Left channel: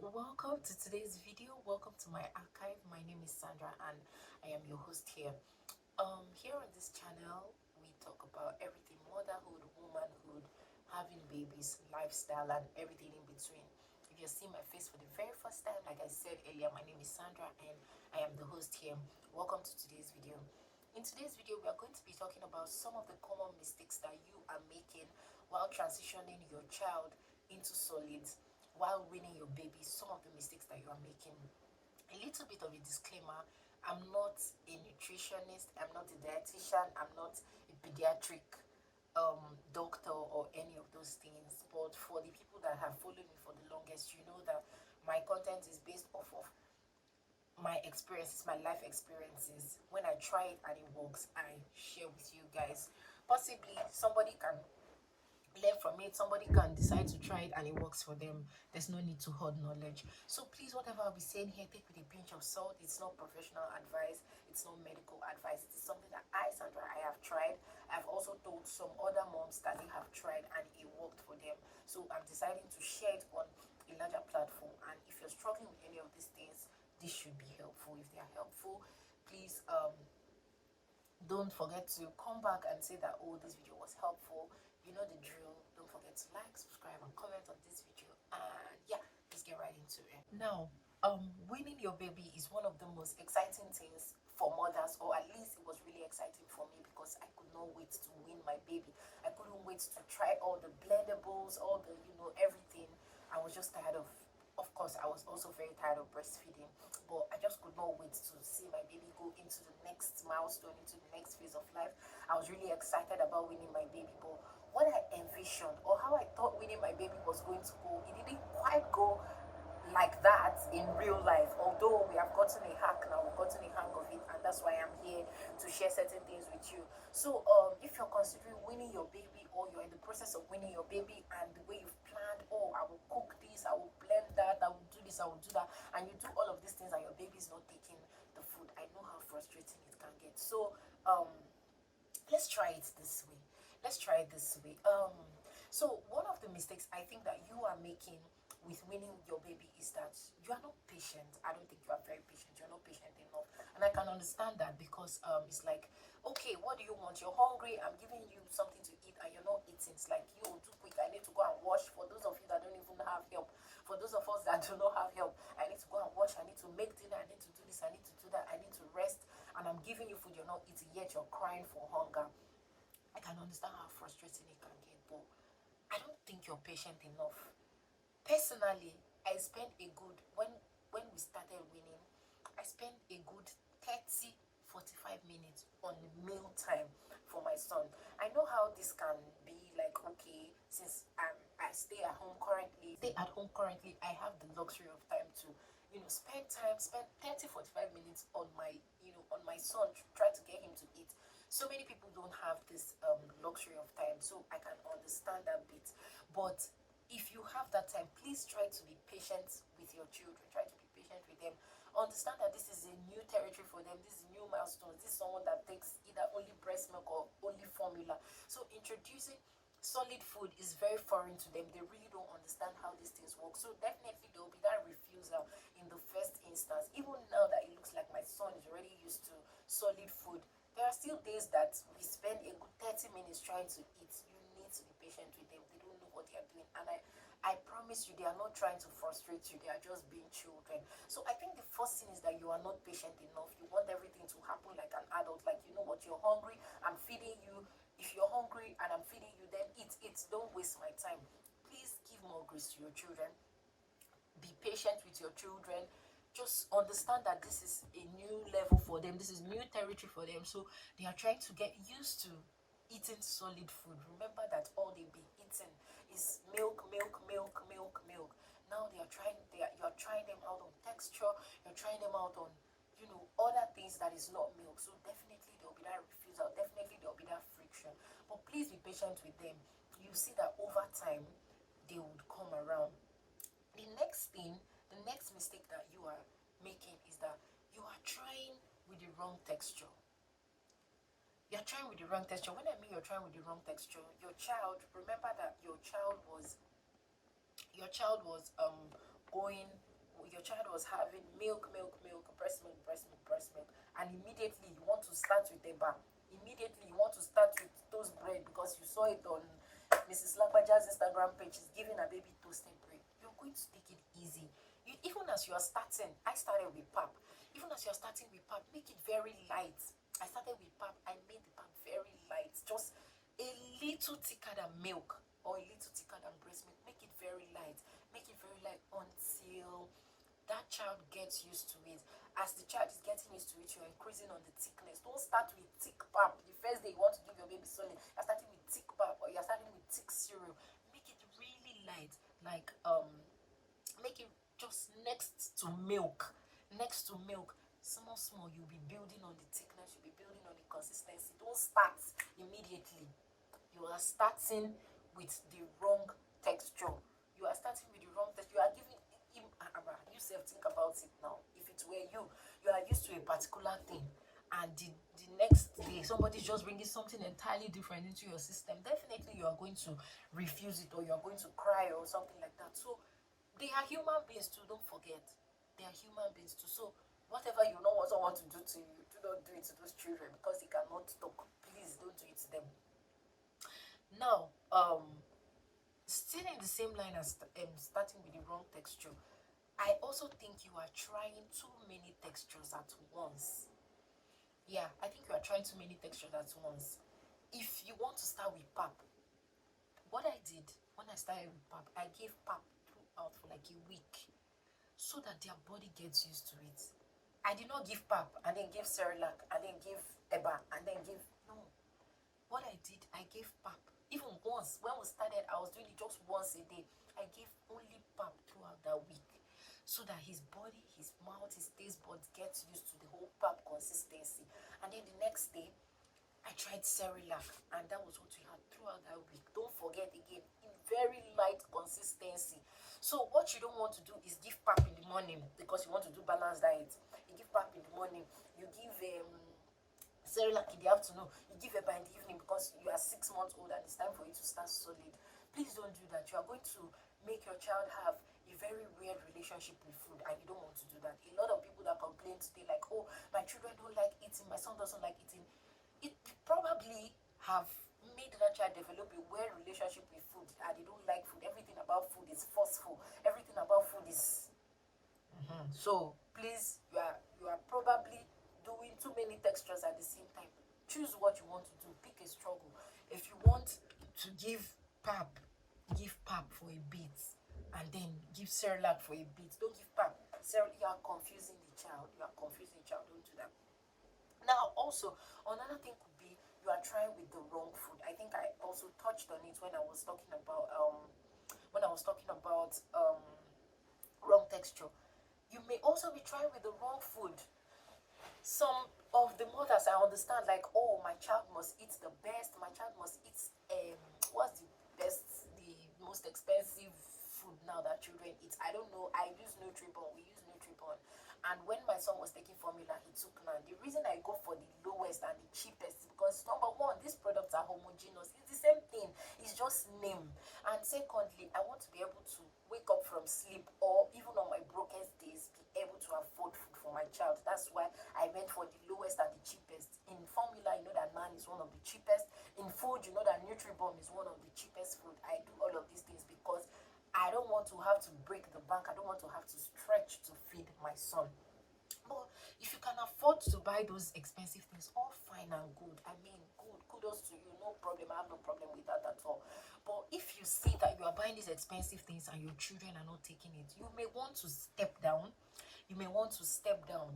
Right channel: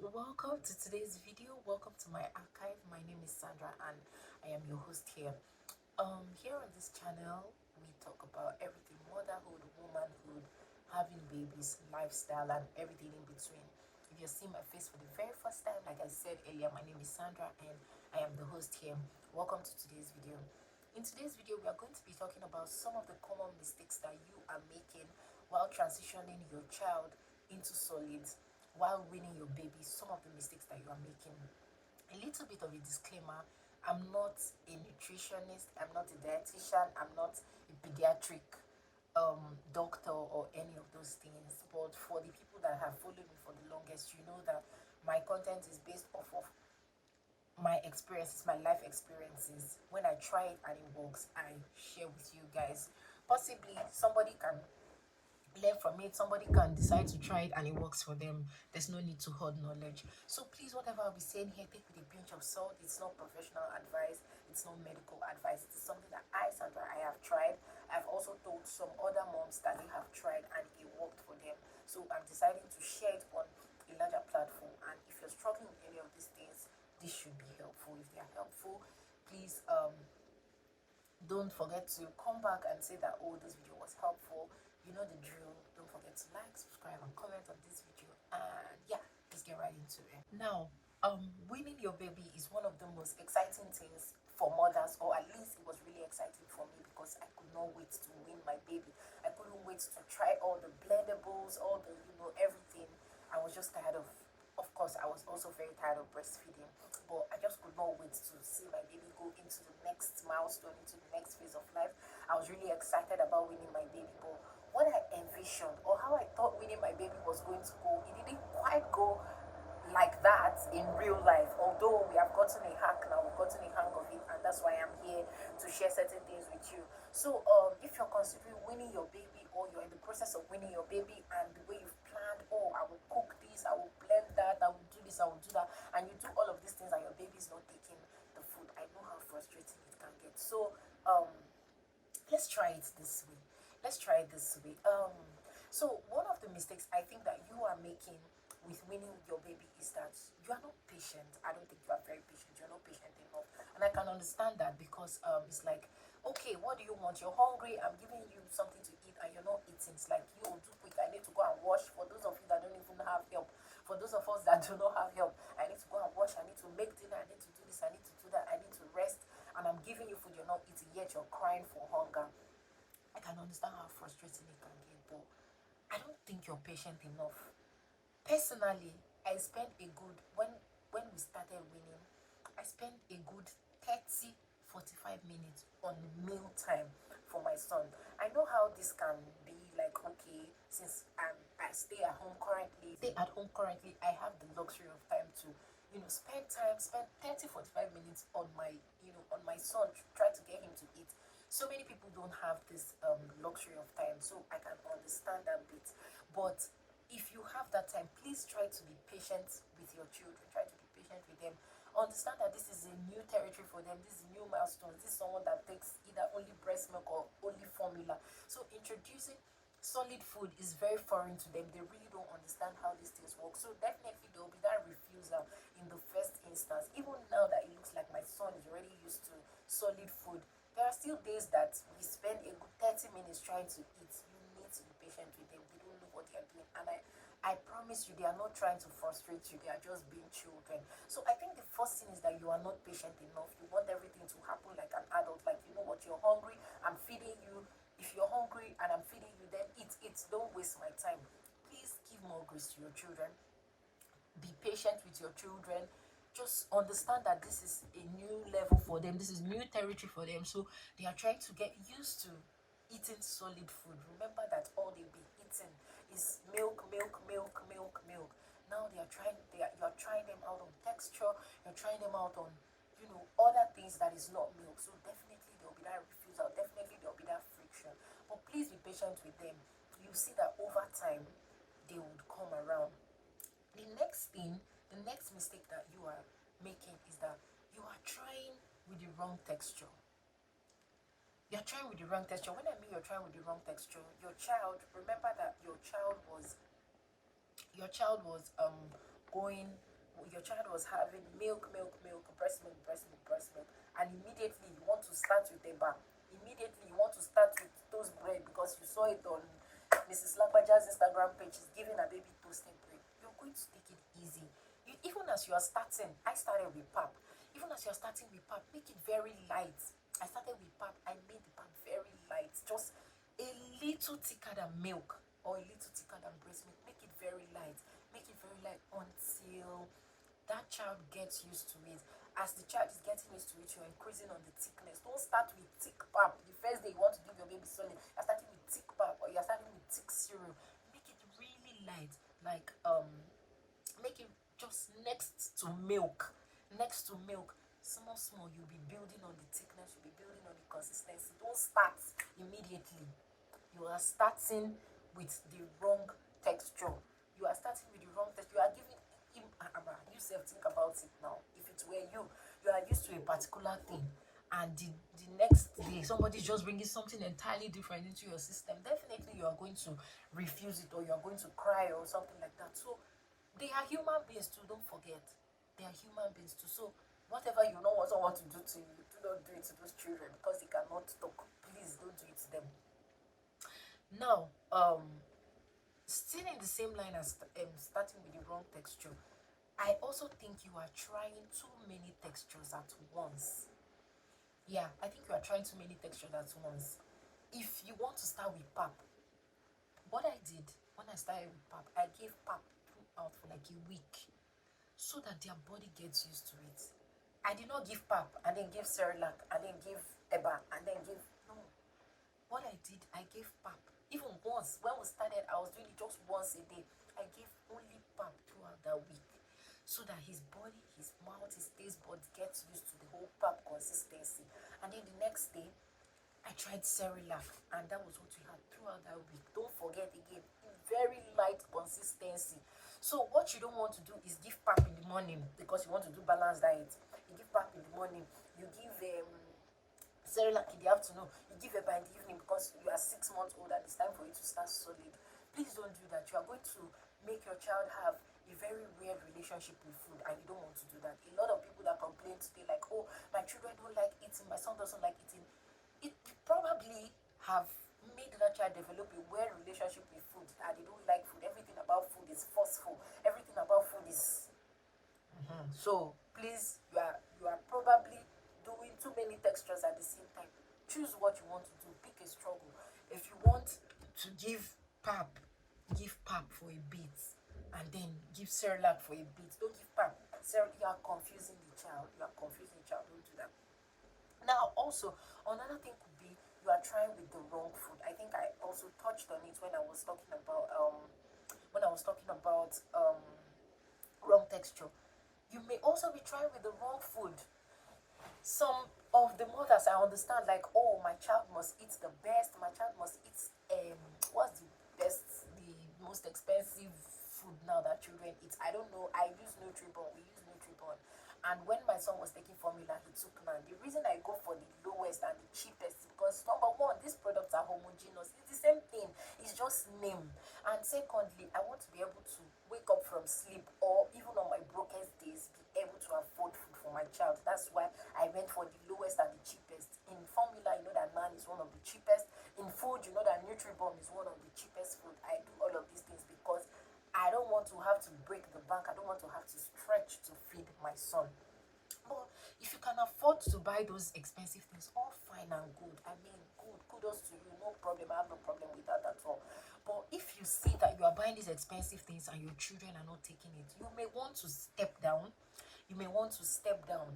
welcome to today's video. Welcome to my archive. My name is Sandra and I am your host here. Here on this channel, we talk about everything motherhood, womanhood, having babies, lifestyle, and everything in between. If you're seeing my face for the very first time, like I said earlier, my name is Sandra and I am the host here. Welcome to today's video. In today's video, we are going to be talking about some of the common mistakes that you are making while transitioning your child into solids, while weaning your baby, some of the mistakes that you are making. A little bit of a disclaimer: I'm not a nutritionist, I'm not a dietitian, I'm not a pediatric doctor or any of those things. But for the people that have followed me for the longest, you know that my content is based off of my experiences, my life experiences. When I try it and it works, I share with you guys. Possibly somebody can learn from it, somebody can decide to try it and it works for them. There's no need to hoard knowledge. So please, whatever I'll be saying here, take with a pinch of salt. It's not professional advice, it's not medical advice. It's something that Sandra, I have tried. I've also told some other moms that they have tried and it worked for them. So I'm deciding to share it on a larger platform. And if you're struggling with any of these things, this should be helpful. If they are helpful, please don't forget to come back and say that, oh, this video was helpful. You know the drill. Don't forget to like, subscribe, and comment on this video. And yeah, let's get right into it. Now, winning your baby is one of the most exciting things for mothers, or at least it was really exciting for me because I could not wait to win my baby. I couldn't wait to try all the blendables, all the, everything. I was just tired of course, I was also very tired of breastfeeding, but I just could not wait to see my baby go into the next milestone, into the next phase of life. I was really excited about winning my baby, but what I envisioned or how I thought winning my baby was going to go, it didn't quite go like that in real life. Although we have gotten a hack now, we've gotten a hang of it, and that's why I'm here to share certain things with you. So if you're considering winning your baby, or you're in the process of winning your baby, and the way you've planned, oh, I will cook this, I will blend that, I will do this, I will do that, and you do all of these things and your baby's not taking the food, I know how frustrating it can get. So let's try it this way. Let's try it this way. So one of the mistakes I think that you are making with winning your baby is that you are not patient. I don't think you are very patient. You're not patient enough, and I can understand that because it's like, okay, what do you want? You're hungry. I'm giving you something to eat, and you're not eating. It's like, you do quick. I need to go and wash. For those of you that don't even have help, for those of us that do not have help, I need to go and wash. I need to make dinner. I need to do this. I need to do that. I need to rest. And I'm giving you food. You're not eating. Yet you're crying for hunger. I can understand how frustrating it can get, but I don't think you're patient enough. Personally, I spent a good, when we started winning, I spent a good 30-45 minutes on meal time for my son. I know how this can be like, okay, since I stay at home currently, I have the luxury of time to, spend 30-45 minutes on my, on my son, to try to get him to eat. So many people don't have this luxury of time, so I can understand that bit. But if you have that time, please try to be patient with your children. Try to be patient with them. Understand that this is a new territory for them. This is new milestones. This is someone that takes either only breast milk or only formula. So introducing solid food is very foreign to them. They really don't understand how these things work. So definitely there will be that refusal in the first instance. Even now that it looks like my son is already used to solid food, there are still days that we spend a good 30 minutes trying to eat. You need to be patient with them. They don't know what they are doing. And I promise you, they are not trying to frustrate you. They are just being children. So I think the first thing is that you are not patient enough. You want everything to happen like an adult. Like, you know what, you're hungry, I'm feeding you. If you're hungry and I'm feeding you, then eat. Don't waste my time. Please give more grace to your children. Be patient with your children. Just understand that this is a new level for them. This is new territory for them. So they are trying to get used to eating solid food. Remember that all they've been eating is milk, milk, milk, milk, milk. Now you're trying them out on texture. You're trying them out on, other things that is not milk. So definitely there'll be that refusal. Definitely there'll be that friction. But please be patient with them. You see that over time they would come around. The next mistake that you are making is that you are trying with the wrong texture. You're trying with the wrong texture. When I mean you're trying with the wrong texture, remember that your child was going, your child was having milk, breast milk, and immediately you want to start with eba, immediately you want to start with toast bread because you saw it on Mrs. Lagbaja's Instagram page, is giving a baby toasted bread. You're going to take it easy. Even as you are starting, I started with pap. Even as you are starting with pap, make it very light. I started with pap, I made the pap very light, just a little thicker than milk or a little thicker than breast milk. Make it very light. Make it very light until that child gets used to it. As the child is getting used to it, you're increasing on the thickness. Don't start with thick pap. The first day you want to give your baby solid, you're starting with thick pap or you're starting with thick cereal. Make it really light, like make it just next to milk. Next to milk. Small, small, you'll be building on the thickness, you'll be building on the consistency. Don't start immediately. You are starting with the wrong texture. You are starting with the wrong texture. You are giving him, you self think about it now. If it were you, you are used to a particular thing, and the next day somebody's just bringing something entirely different into your system. Definitely you are going to refuse it, or you are going to cry or something like that. So they are human beings too, don't forget. They are human beings too. So whatever you know also want to do to you, do not do it to those children because they cannot talk. Please don't do it to them. Now, still in the same line as starting with the wrong texture, I also think you are trying too many textures at once. Yeah, I think you are trying too many textures at once. If you want to start with pap, what I did when I started with pap, I gave pap throughout for like a week so that their body gets used to it. I did not give pap and then give Cerelac and then give eba and then give, no. What I did, I gave pap. Even once, when we started, I was doing it just once a day. I gave only pap throughout that week so that his body, his mouth, his taste buds gets used to the whole pap consistency. And then the next day, I tried Cerelac, and that was what we had throughout that week. Don't forget again, very light consistency. So what you don't want to do is give pap in the morning because you want to do balanced diet. You give pap in the morning, you give Cerelac in the afternoon, you give eba in the evening because you are 6 months old and it's time for you to start solid. Please don't do that. You are going to make your child have a very weird relationship with food, and you don't want to do that. A lot of people that complain today, like, oh, my children don't like eating, my son doesn't like eating, it probably have made that child develop a weird relationship with food, and they don't like food. Everything about food is forceful. Everything about food is so please, you are probably doing too many textures at the same time. Choose what you want to do. Pick a struggle. If you want to give pap for a bit, and then give Cerelac for a bit. Don't give pap. You are confusing the child. You are confusing the child. Don't do that. Now, also, another thing could be you are trying with the wrong food. I think I also touched on it when I was talking about wrong texture. You may also be trying with the wrong food. Some of the mothers, I understand, like, oh, my child must eat the best, my child must eat what's the best, the most expensive food now that children eat. I don't know. I use Nutribon. We use Nutribon. And when my son was taking formula, he took none. The reason I go for the lowest and the cheapest is because, number one, these products are homogeneous. It's the same thing. It's just name. And secondly, I want to be able to wake up from sleep, or even on my brokest days, be able to afford food for my child. That's why I went for the lowest and the cheapest. In formula, you know that NAN is one of the cheapest. In food, you know that Nutribomb is one of the cheapest food. I do all of these things because I don't want to have to break the bank. I don't want to have to stretch to feed my son. But if you can afford to buy those expensive things, all fine and good. I mean, good, kudos to you, no problem. I have no problem with that at all. But if you see that you are buying these expensive things and your children are not taking it, you may want to step down. You may want to step down.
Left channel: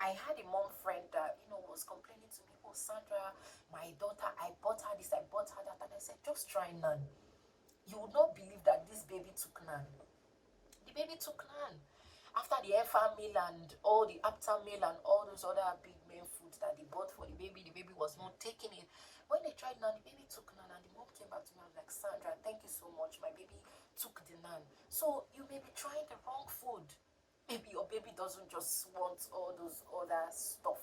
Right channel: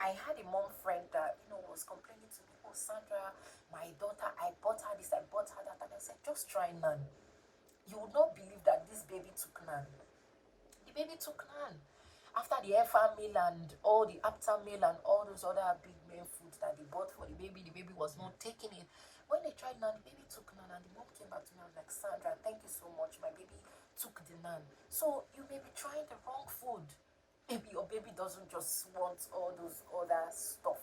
I had a mom friend that, was complaining to me, oh, Sandra, my daughter, I bought her this, I bought her that. And I said, just try none. You would not believe that this baby took none. The baby took none. After the FR meal and all the after meal and all those other big main foods that they bought for the baby was not taking it. When they tried naan, the baby took naan, and the mom came back to me and was like, Sandra, thank you so much. My baby took the naan. So you may be trying the wrong food. Maybe your baby doesn't just want all those other stuff.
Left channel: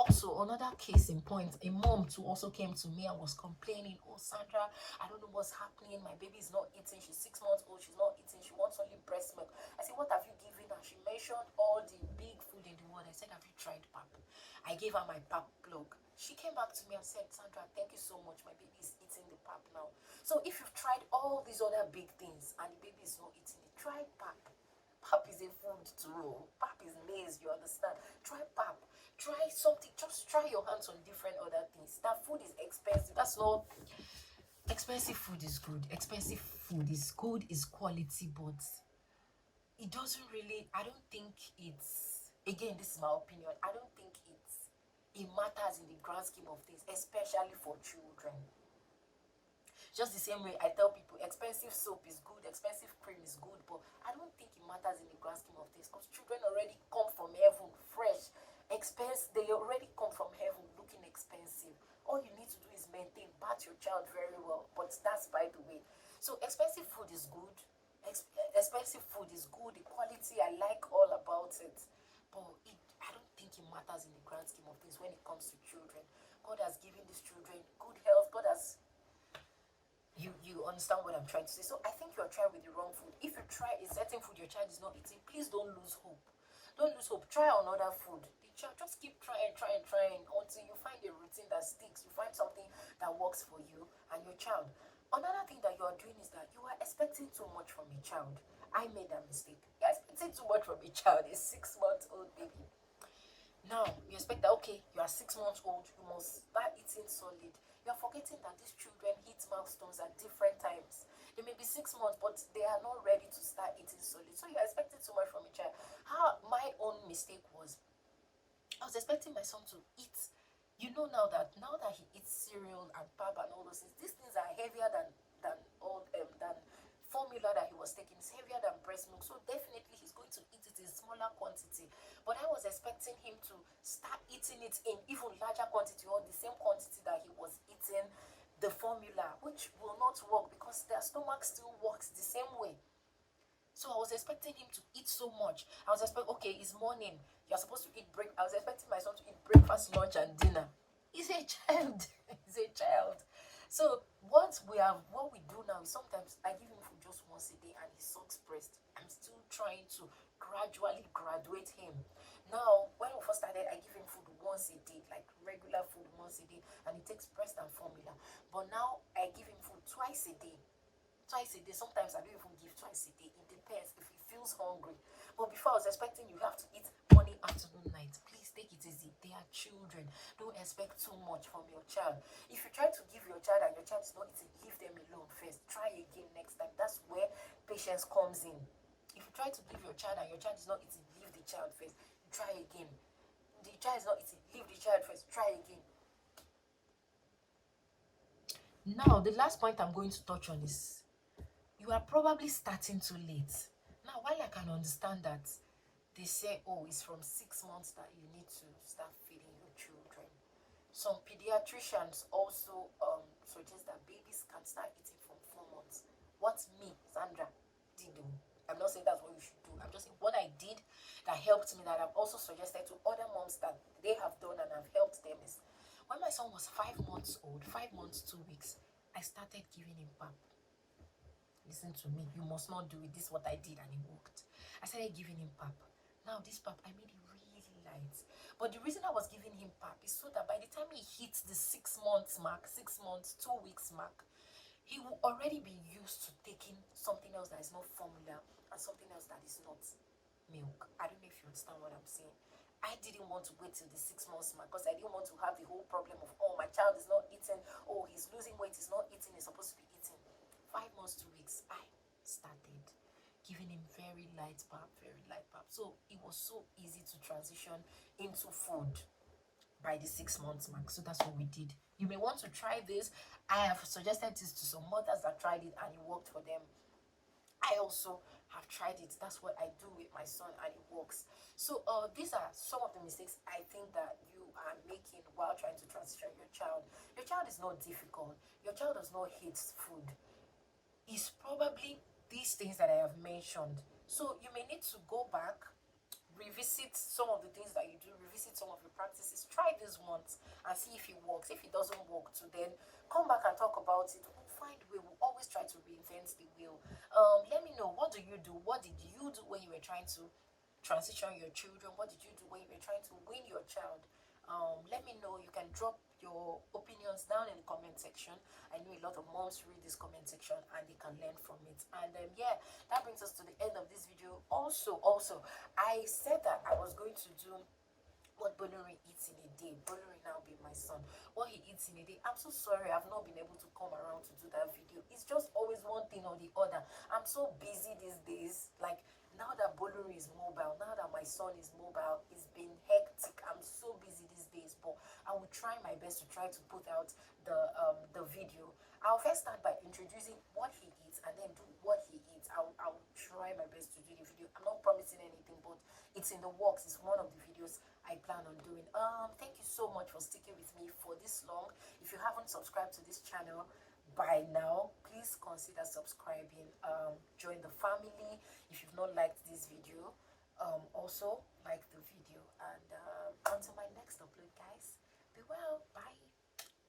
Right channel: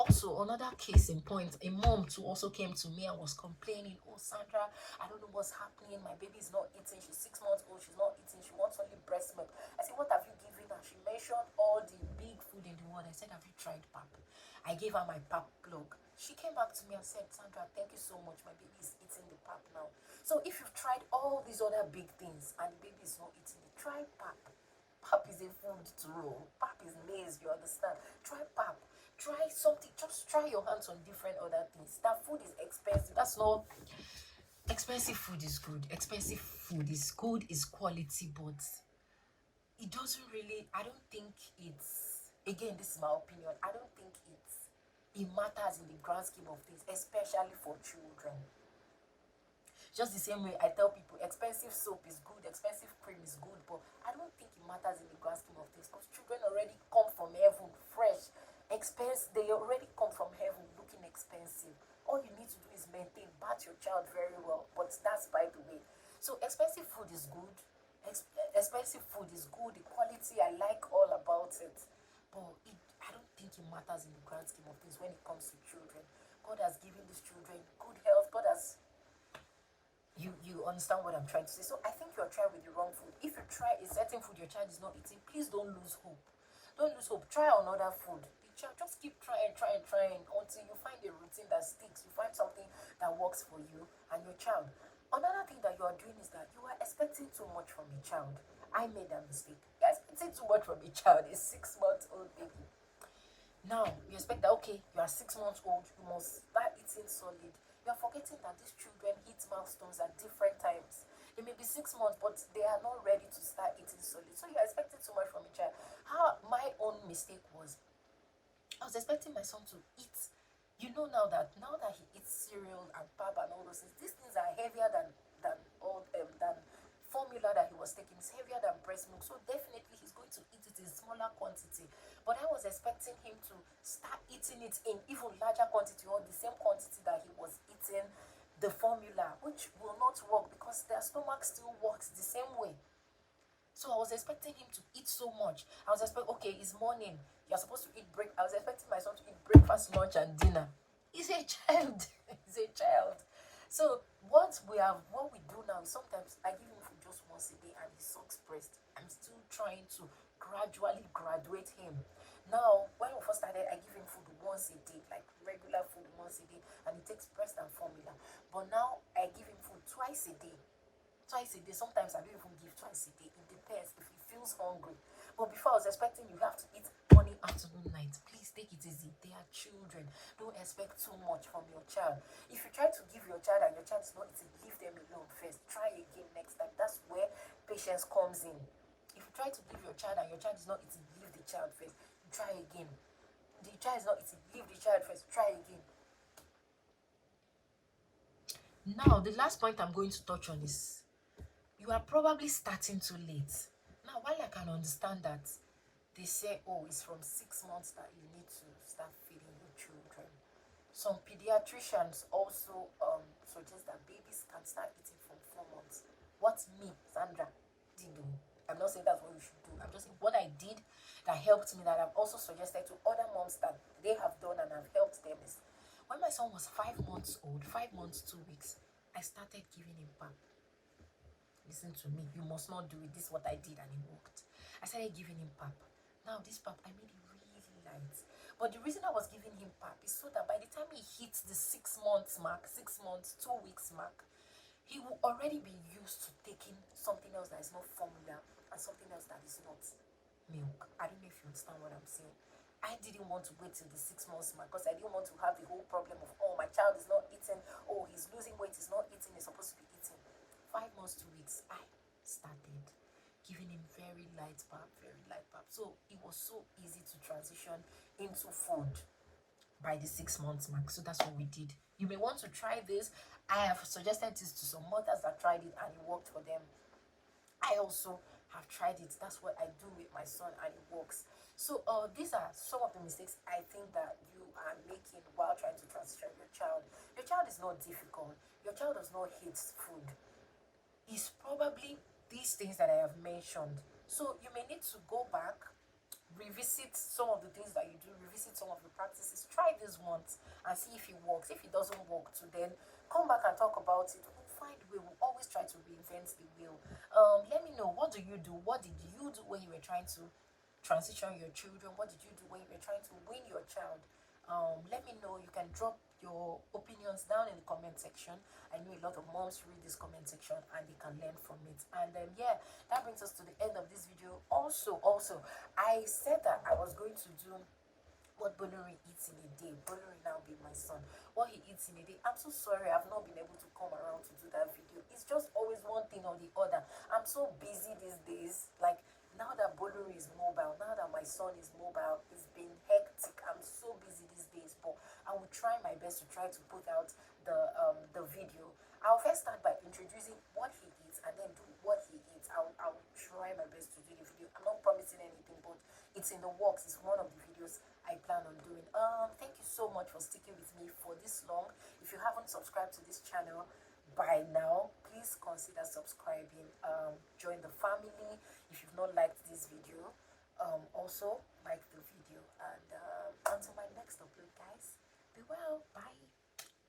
Also, another case in point, a mom too also came to me and was complaining, oh Sandra, I don't know what's happening, my baby is not eating, she's 6 months old, she's not eating, she wants only breast milk. I said, what have you given her? She mentioned all the big food in the world. I said, have you tried pap? I gave her my pap plug. She came back to me and said, Sandra, thank you so much, my baby is eating the pap now. So if you've tried all these other big things and the baby is not eating it, try pap. Pap is a food too. Pap is maize, you understand? Try pap. Try something. Just try your hands on different other things. That food is expensive. That's not expensive. Food is good. Expensive food is good, is quality, but it doesn't really, I don't think it's, again, this is my opinion, I don't think it matters in the grand scheme of things, especially for children. Just the same way I tell people expensive soap is good, expensive cream is good, but I don't think it matters in the grand scheme of things, because children already come from heaven fresh, they already come from heaven looking expensive. All you need to do is maintain, bath your child very well, but that's by the way. So expensive food is good, expensive food is good, the quality I like all about it, but I don't think it matters in the grand scheme of things when it comes to children. God has given these children good health. God has, you understand what I'm trying to say. So I think you're trying with the wrong food. If you try a certain food your child is not eating, please don't lose hope. Don't lose hope. Try another food. The child, just keep trying until you find a routine that sticks. You find something that works for you and your child. Another thing that you are doing is that you are expecting too much from a child. I made that mistake. You're expecting too much from a child, a 6-month-old baby. Now you expect that, okay, you are 6 months old, you must start eating solid. You're forgetting that these children hit milestones at different times. They may be 6 months, but they are not ready to start eating solid. So you're expecting too much from a child. My own mistake was, I was expecting my son to eat. You know, now that he eats cereal and pap and all those things, these things are heavier than formula that he was taking. It's heavier than breast milk, so definitely he's going to eat it in smaller quantity. But I was expecting him to start eating it in even larger quantity, or the same quantity that he was eating the formula, which will not work because their stomach still works the same way. So I was expecting him to eat so much. I was expecting, okay, it's morning, you're supposed to eat break. I was expecting my son to eat breakfast, lunch, and dinner. He's a child. He's a child. So what we do now is sometimes I give him food just once a day and he sucks breast. I'm still trying to gradually graduate him. Now, when we first started, I give him food once a day, like regular food once a day, and he takes breast and formula. But now I give him food twice a day. Sometimes I don't even give twice a day. It depends if he feels hungry. But before, I was expecting you have to eat morning, afternoon, night. Please take it easy. They are children. Don't expect too much from your child. If you try to give your child and your child is not eating, leave them alone first. Try again next time. That's where patience comes in. If you try to give your child and your child is not eating, leave the child first. Try again. The child is not eating, leave the child first. Try again. Now, the last point I'm going to touch on is, you are probably starting too late. Now, while I can understand that they say, oh, it's from 6 months that you need to start feeding your children, some pediatricians also suggest that babies can start eating from 4 months. What me, Sandra, did do, I'm not saying that's what you should do. I'm just saying what I did that helped me, that I've also suggested to other moms that they have done and have helped them, is when my son was 5 months old, 5 months, 2 weeks, I started giving him pap. Listen to me, you must not do it. This is what I did and it worked. I started giving him pap. Now this pap, I made it really light. But the reason I was giving him pap is so that by the time he hits the 6 months mark, 6 months, 2 weeks mark, he will already be used to taking something else that is not formula and something else that is not milk. I don't know if you understand what I'm saying. I didn't want to wait till the 6 months mark because I didn't want to have the whole problem of, oh, my child is not eating, oh, he's losing weight, he's not eating, he's supposed to be eating. 5 months, 2 weeks, I started giving him very light pap. So it was so easy to transition into food by the 6 months mark. So that's what we did. You may want to try this. I have suggested this to some mothers that tried it and it worked for them. I also have tried it. That's what I do with my son and it works. So these are some of the mistakes I think that you are making while trying to transition your child. Your child is not difficult. Your child does not hate food. It's probably these things that I have mentioned. So you may need to go back, revisit some of the things that you do, revisit some of the practices, try this once and see if it works. If it doesn't work, to then come back and talk about it. We'll find a way. We'll always try to reinvent the wheel. Let me know, what do you do? What did you do when you were trying to transition your children? What did you do when you were trying to win your child? Let me know. You can drop your opinions down in the comment section. I know a lot of moms read this comment section and they can learn from it. And yeah, that brings us to the end of this video. Also, I said that I was going to do what Bolori eats in a day. Bolori now being my son, what he eats in a day. I'm so sorry I've not been able to come around to do that video. It's just always one thing or the other. I'm so busy these days. Like, now that Bolori is mobile, now that my son is mobile, it's been hectic. I'm so busy these days, but I will try my best to try to put out the video. I'll first start by introducing what he eats and then do what he eats. I'll try my best to do the video. I'm not promising anything, but it's in the works. It's one of the videos I plan on doing. Thank you so much for sticking with me for this long. If you haven't subscribed to this channel by now, please consider subscribing. Join the family. If you've not liked this video, also like the video. And until my next upload, guys, be well. Bye.